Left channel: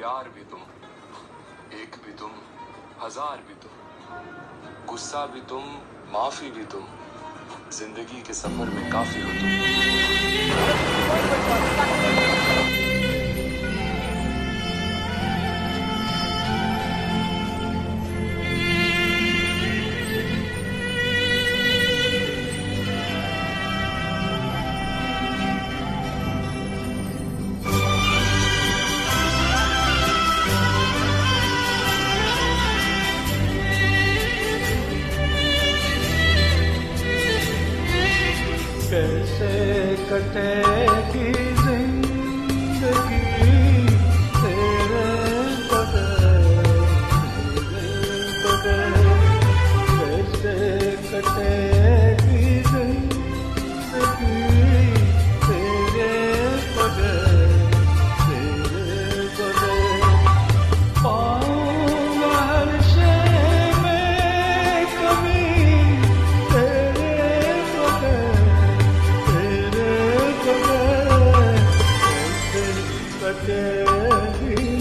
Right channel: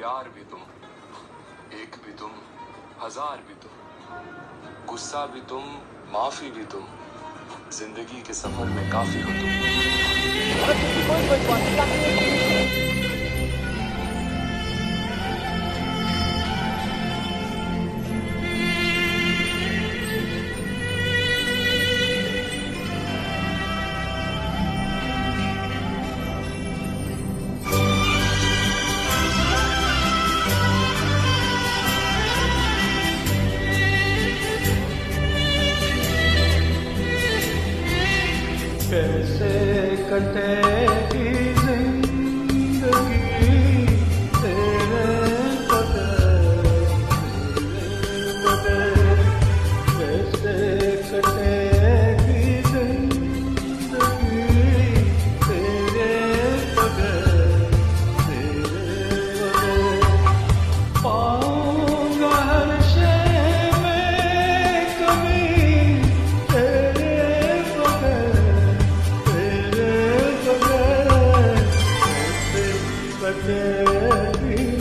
प्यार भी तुम, एक भी तुम, हजार भी तुम, गुस्सा भी तुम, माफी भी तुम, जिंदगी के सफर में काफी हो तुम। कैसे कटेगी जिंदगी तेरे बगैर कैसे कटेगी जिंदगी तेरे बगैर पाऊंगा हर शय में कमी तेरे बगैर कैसे कटेगी